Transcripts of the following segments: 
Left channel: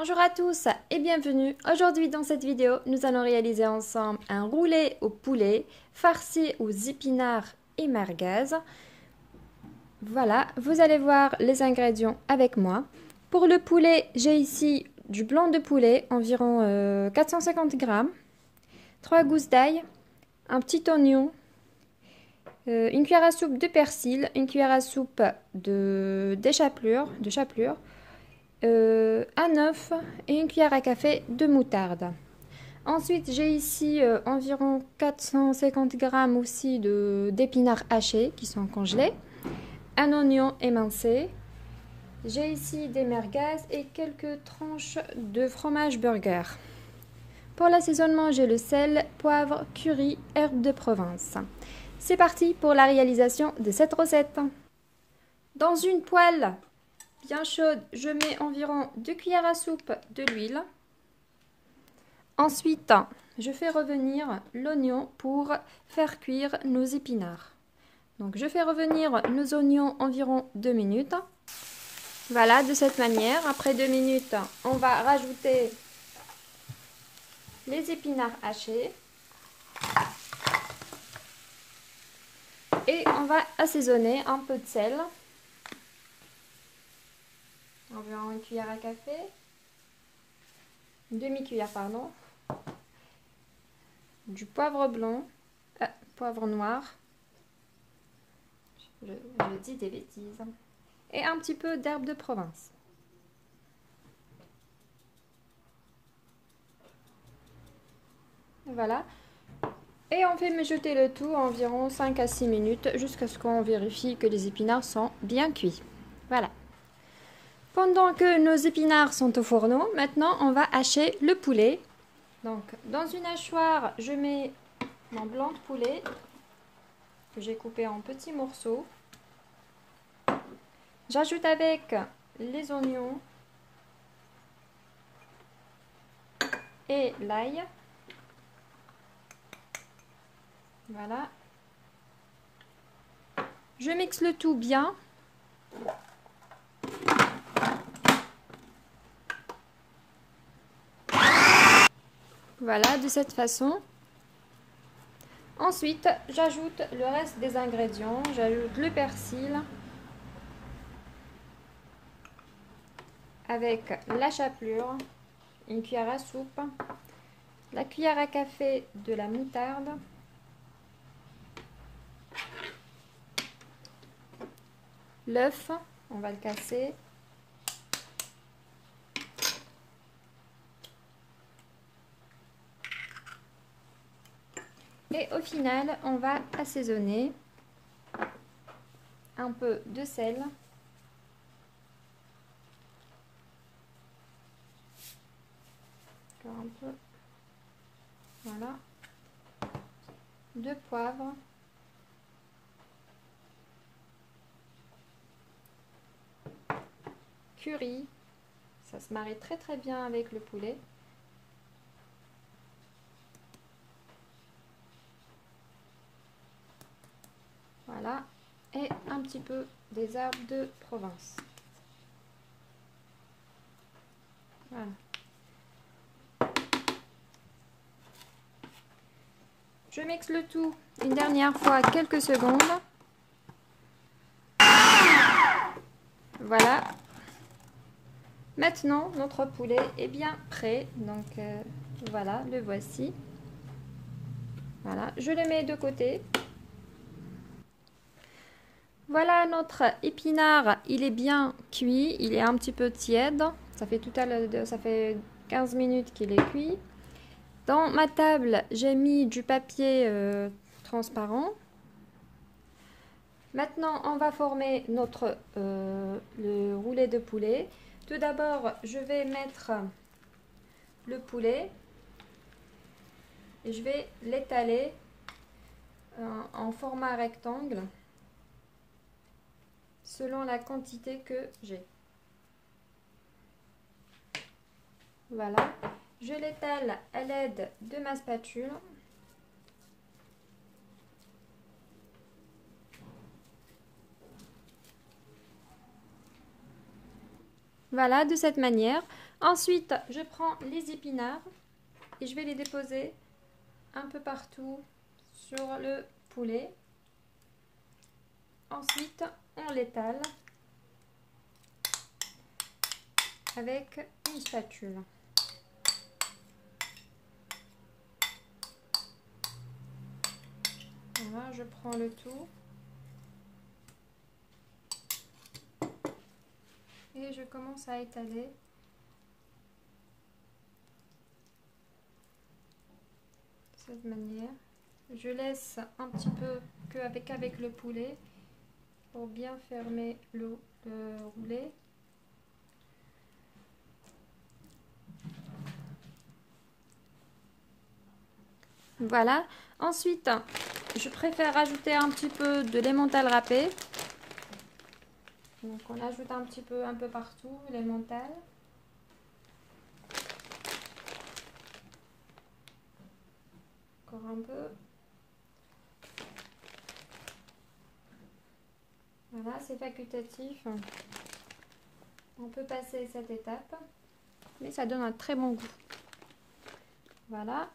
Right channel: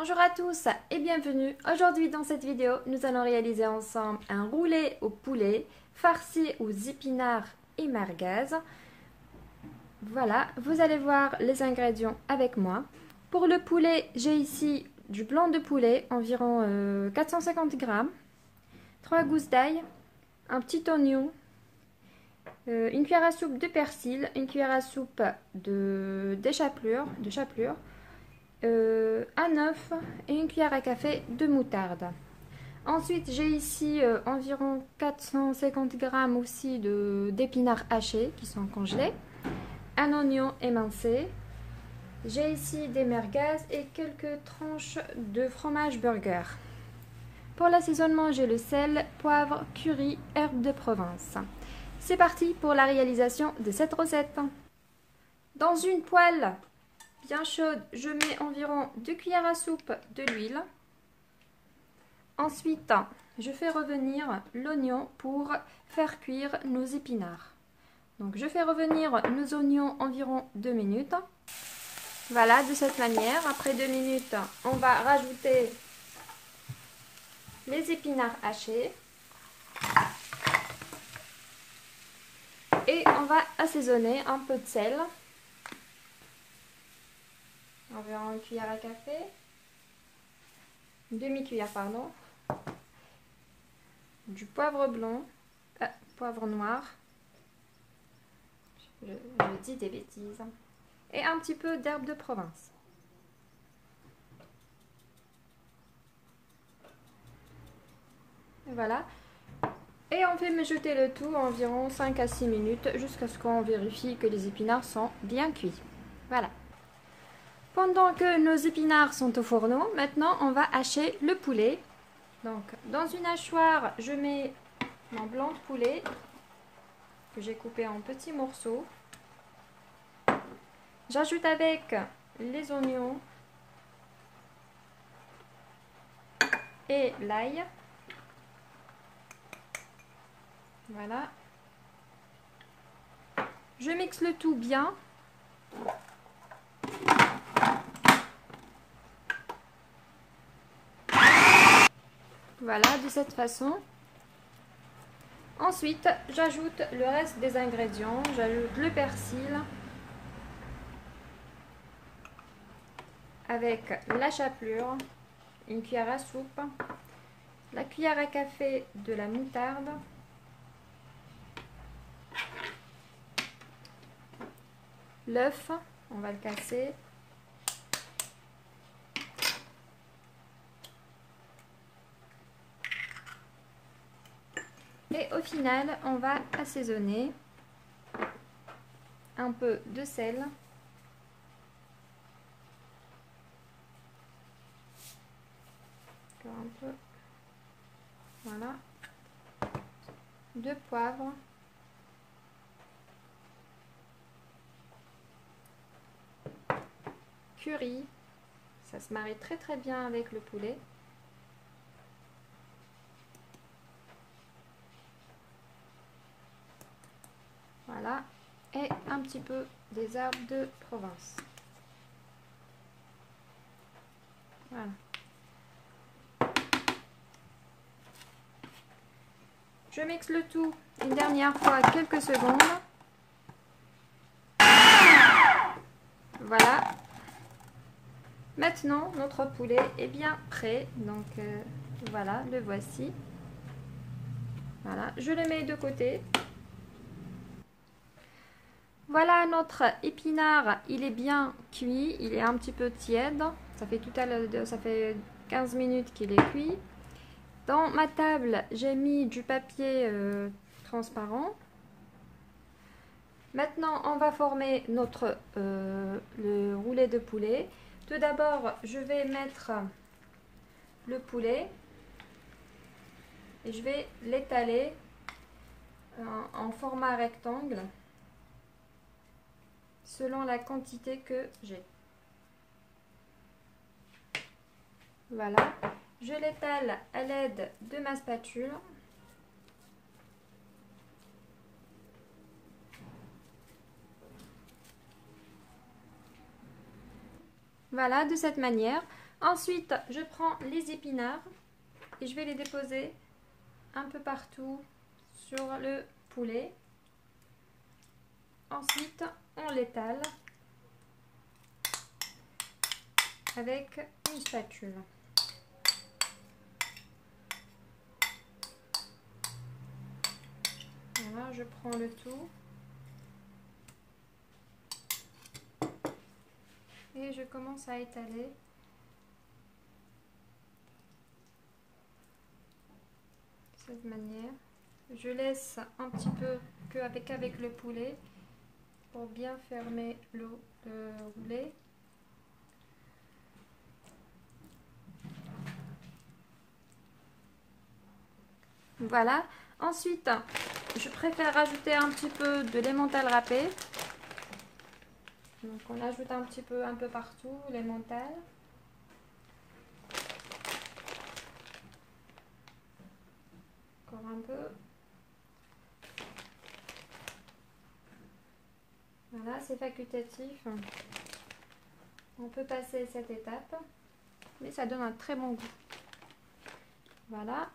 Bonjour à tous et bienvenue. Aujourd'hui dans cette vidéo, nous allons réaliser ensemble un roulé au poulet farci aux épinards et merguez. Voilà, vous allez voir les ingrédients avec moi. Pour le poulet, j'ai ici du blanc de poulet, environ 450 g, 3 gousses d'ail, un petit oignon, une cuillère à soupe de persil, une cuillère à soupe de chapelure, un œuf et une cuillère à café de moutarde. Ensuite, j'ai ici environ 450 g aussi d'épinards hachés qui sont congelés, un oignon émincé. J'ai ici des merguez et quelques tranches de fromage burger. Pour l'assaisonnement, j'ai le sel, poivre, curry, herbes de Provence. C'est parti pour la réalisation de cette recette. Dans une poêle bien chaude, je mets environ 2 cuillères à soupe de l'huile. Ensuite, je fais revenir l'oignon pour faire cuire nos épinards. Donc, je fais revenir nos oignons environ 2 minutes. Voilà, de cette manière. Après 2 minutes, on va rajouter les épinards hachés. Et on va assaisonner un peu de sel. Environ une cuillère à café. Une demi-cuillère, pardon. Du poivre blanc. Poivre noir. Je dis des bêtises. Et un petit peu d'herbe de Provence. Voilà. Et on fait mijoter le tout environ 5 à 6 minutes jusqu'à ce qu'on vérifie que les épinards sont bien cuits. Voilà. Pendant que nos épinards sont au fourneau, maintenant on va hacher le poulet. Donc dans une hachoir, je mets mon blanc de poulet que j'ai coupé en petits morceaux. J'ajoute avec les oignons et l'ail. Voilà. Je mixe le tout bien. Voilà, de cette façon. Ensuite, j'ajoute le reste des ingrédients. J'ajoute le persil avec la chapelure, une cuillère à soupe, la cuillère à café de la moutarde, l'œuf, on va le casser, et au final, on va assaisonner un peu de sel, encore un peu, voilà, de poivre, curry, ça se marie très très bien avec le poulet. Voilà, et un petit peu des herbes de Provence. Voilà. Je mixe le tout une dernière fois quelques secondes. Voilà. Maintenant, notre poulet est bien prêt. Donc, voilà, le voici. Voilà, je le mets de côté. Voilà, notre épinard, il est bien cuit. Il est un petit peu tiède. Ça fait ça fait 15 minutes qu'il est cuit. Dans ma table, j'ai mis du papier transparent. Maintenant, on va former le roulet de poulet. Tout d'abord, je vais mettre le poulet et je vais l'étaler en format rectangle selon la quantité que j'ai. Voilà, je l'étale à l'aide de ma spatule. Voilà, de cette manière. Ensuite, je prends les épinards et je vais les déposer un peu partout sur le poulet. Ensuite, on l'étale avec une spatule. Voilà, je prends le tout et je commence à étaler. De cette manière. Je laisse un petit peu avec le poulet pour bien fermer le roulé. Voilà. Ensuite, je préfère rajouter un petit peu de l'emmental râpé. Donc on ajoute un petit peu un peu partout l'emmental. Encore un peu. Voilà, c'est facultatif. On peut passer cette étape, mais ça donne un très bon goût. Voilà.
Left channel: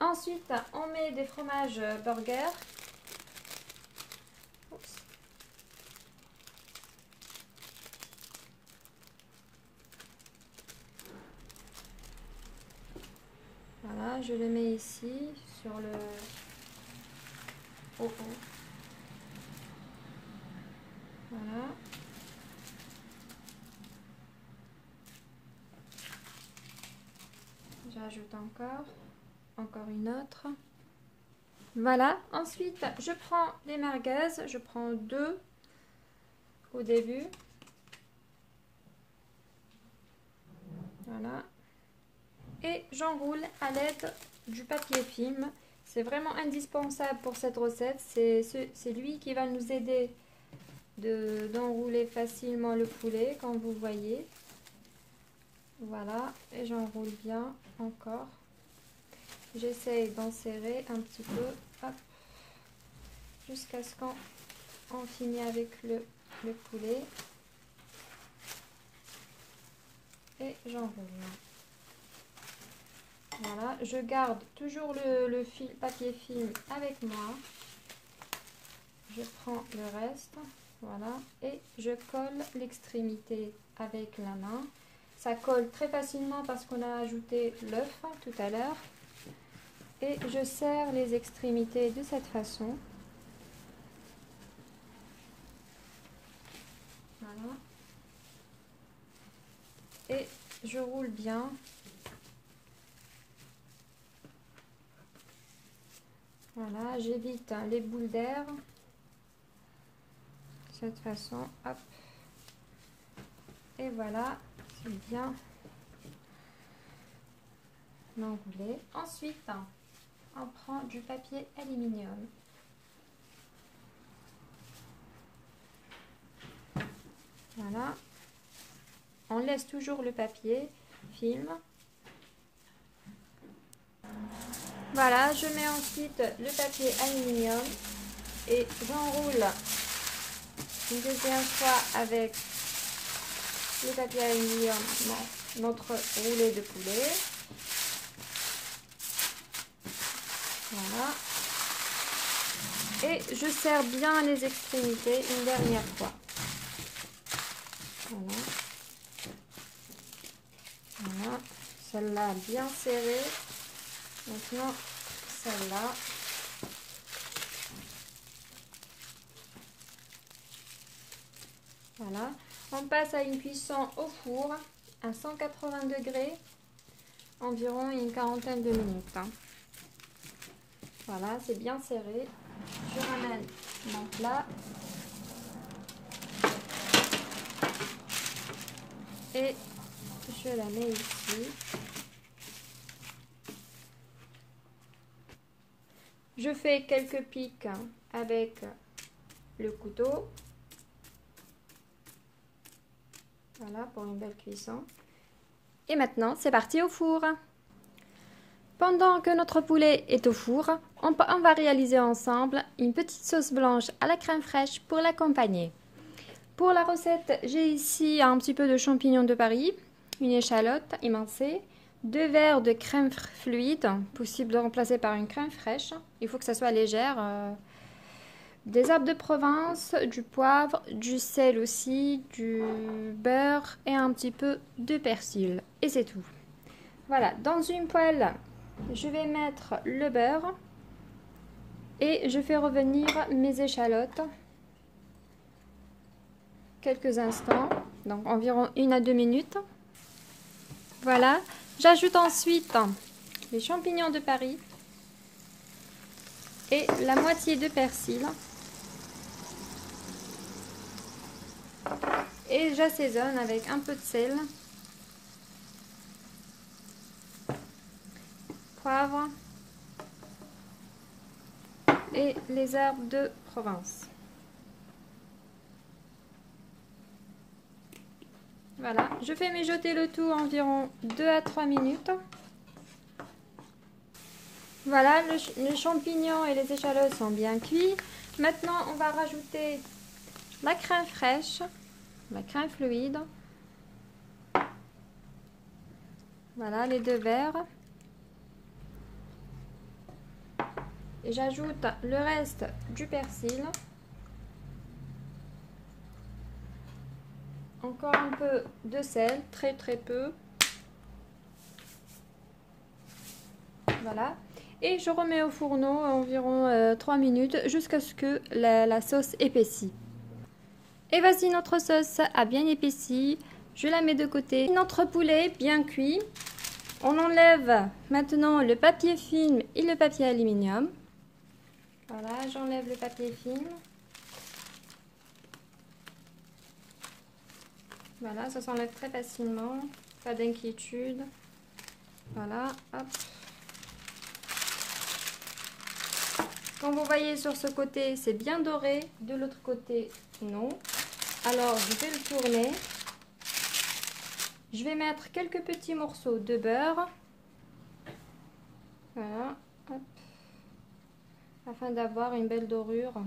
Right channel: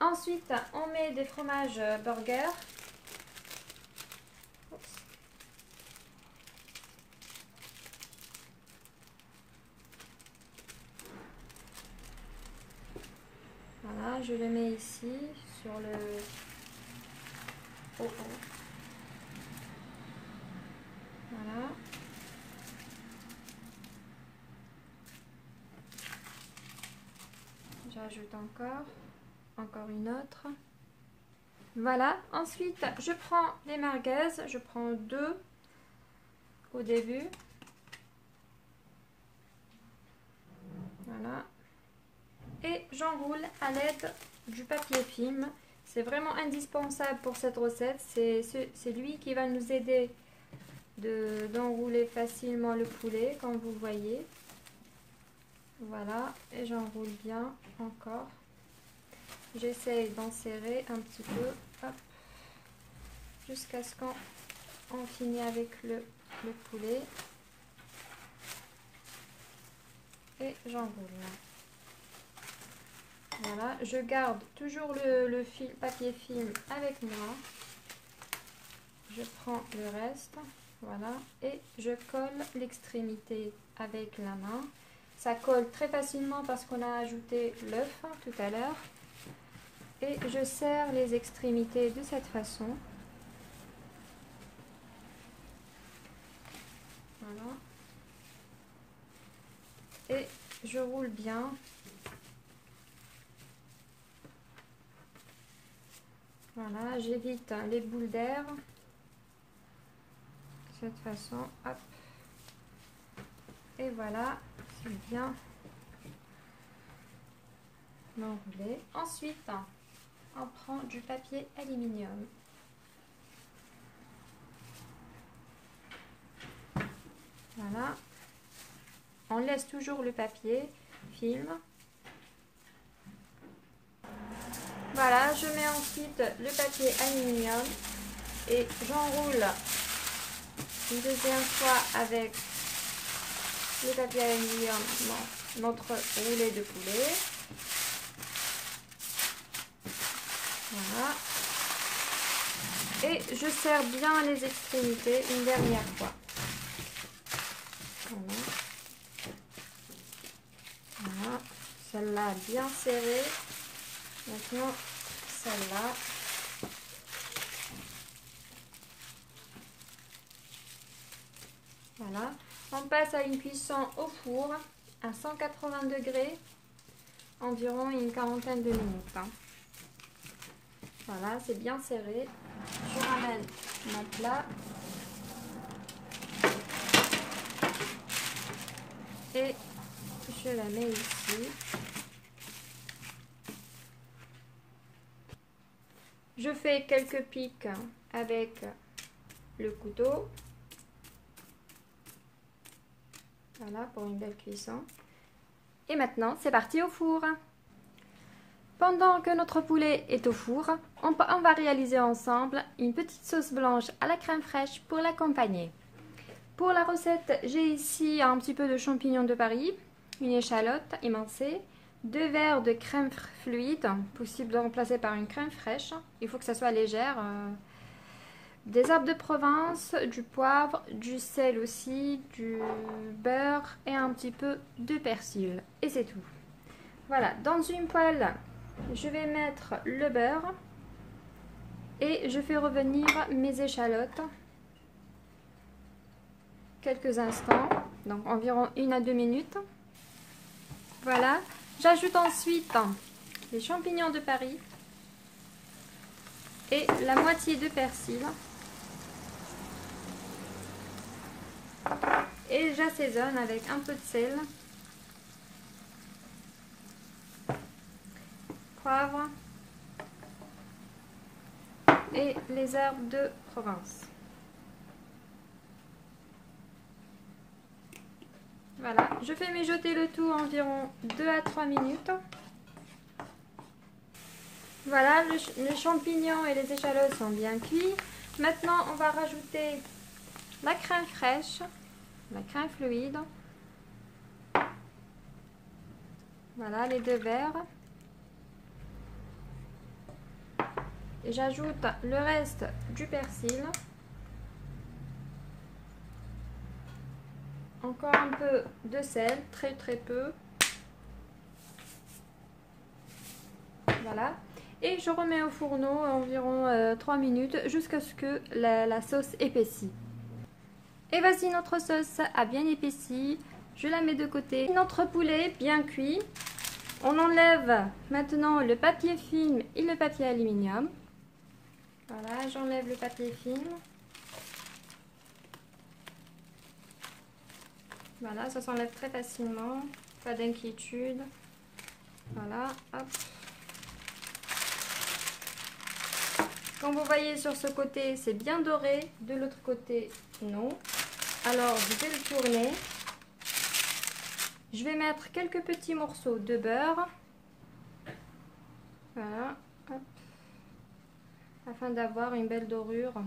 Ensuite, on met des fromages burger. Oups. Voilà, je le mets ici sur le haut. Voilà. J'ajoute encore une autre. Voilà, ensuite je prends les merguez, je prends 2 au début. Voilà. Et j'enroule à l'aide du papier film. C'est vraiment indispensable pour cette recette. C'est lui qui va nous aider d'enrouler facilement le poulet, comme vous voyez. Voilà, et j'enroule bien encore. J'essaye d'en serrer un petit peu, hop, jusqu'à ce qu'on finisse avec le poulet. Et j'enroule. Voilà, je garde toujours le papier film avec moi. Je prends le reste, voilà, et je colle l'extrémité avec la main. Ça colle très facilement parce qu'on a ajouté l'œuf tout à l'heure. Et je serre les extrémités de cette façon. Voilà. Et je roule bien. Voilà, j'évite les boules d'air. De cette façon, hop. Et voilà, c'est bien enroulé. Ensuite, on prend du papier aluminium. Voilà. On laisse toujours le papier film. Voilà, je mets ensuite le papier aluminium et j'enroule une deuxième fois avec le papier aluminium notre roulé de poulet. Voilà. Et je serre bien les extrémités une dernière fois. Voilà. Voilà. Celle-là bien serrée. Maintenant, celle-là. Voilà. On passe à une cuisson au four à 180 degrés, environ une quarantaine de minutes. Voilà, c'est bien serré. Je ramène mon plat. Et je la mets ici. Je fais quelques pics avec le couteau. Voilà, pour une belle cuisson. Et maintenant, c'est parti au four. Pendant que notre poulet est au four, on va réaliser ensemble une petite sauce blanche à la crème fraîche pour l'accompagner. Pour la recette, j'ai ici un petit peu de champignons de Paris, une échalote émincée, 2 verres de crème fluide, possible de remplacer par une crème fraîche. Il faut que ça soit légère. Des herbes de Provence, du poivre, du sel aussi, du beurre et un petit peu de persil. Et c'est tout. Voilà, dans une poêle, je vais mettre le beurre et je fais revenir mes échalotes quelques instants, donc environ 1 à 2 minutes. Voilà, j'ajoute ensuite les champignons de Paris et la moitié de persil. Et j'assaisonne avec un peu de sel, poivre et les herbes de Provence. Voilà, je fais mijoter le tout environ 2 à 3 minutes. Voilà, les champignons et les échalotes sont bien cuits. Maintenant, on va rajouter la crème fraîche, la crème fluide. Voilà, les 2 verres. Et j'ajoute le reste du persil. Encore un peu de sel, très peu. Voilà. Et je remets au fourneau environ 3 minutes jusqu'à ce que la sauce épaissit. Et voici notre sauce a bien épaissi. Je la mets de côté. Notre poulet bien cuit. On enlève maintenant le papier film et le papier aluminium. Voilà, j'enlève le papier film. Voilà, ça s'enlève très facilement. Pas d'inquiétude. Voilà, hop. Comme vous voyez sur ce côté, c'est bien doré. De l'autre côté, non. Alors, je vais le tourner. Je vais mettre quelques petits morceaux de beurre. Voilà, hop. Afin d'avoir une belle dorure.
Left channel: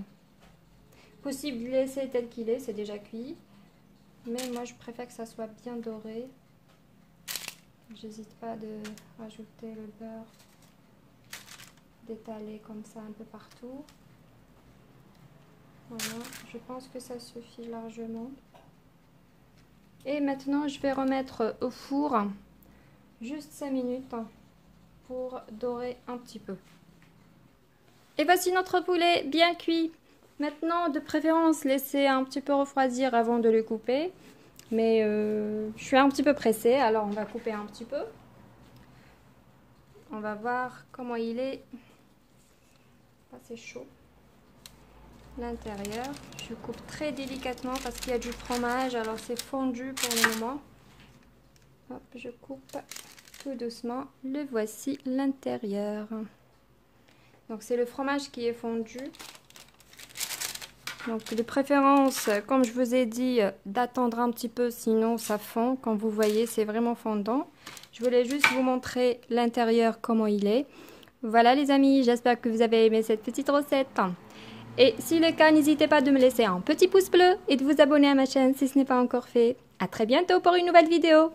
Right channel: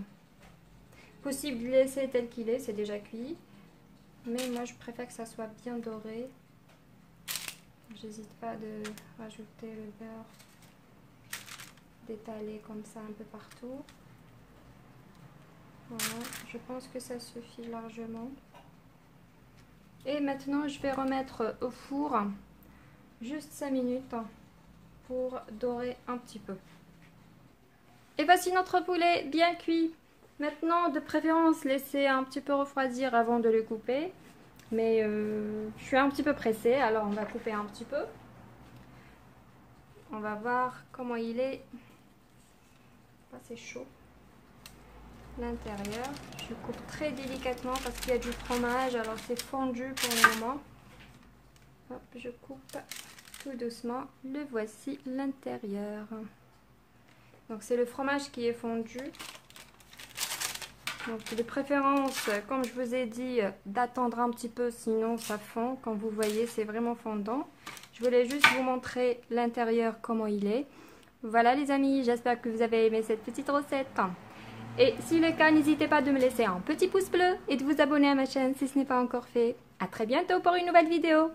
Possible de laisser tel qu'il est, c'est déjà cuit. Mais moi, je préfère que ça soit bien doré. J'hésite pas de rajouter le beurre, d'étaler comme ça un peu partout. Voilà, je pense que ça suffit largement. Et maintenant, je vais remettre au four juste 5 minutes pour dorer un petit peu. Et voici notre poulet bien cuit. Maintenant, de préférence, laissez un petit peu refroidir avant de le couper. Mais je suis un petit peu pressée, alors on va couper un petit peu. On va voir comment il est. C'est chaud. L'intérieur, je coupe très délicatement parce qu'il y a du fromage, alors c'est fondu pour le moment. Hop, je coupe tout doucement. Le voici l'intérieur. Donc c'est le fromage qui est fondu. Donc de préférence, comme je vous ai dit, d'attendre un petit peu, sinon ça fond. Comme vous voyez, c'est vraiment fondant. Je voulais juste vous montrer l'intérieur, comment il est. Voilà les amis, j'espère que vous avez aimé cette petite recette. Et si c'est le cas, n'hésitez pas de me laisser un petit pouce bleu et de vous abonner à ma chaîne si ce n'est pas encore fait. À très bientôt pour une nouvelle vidéo.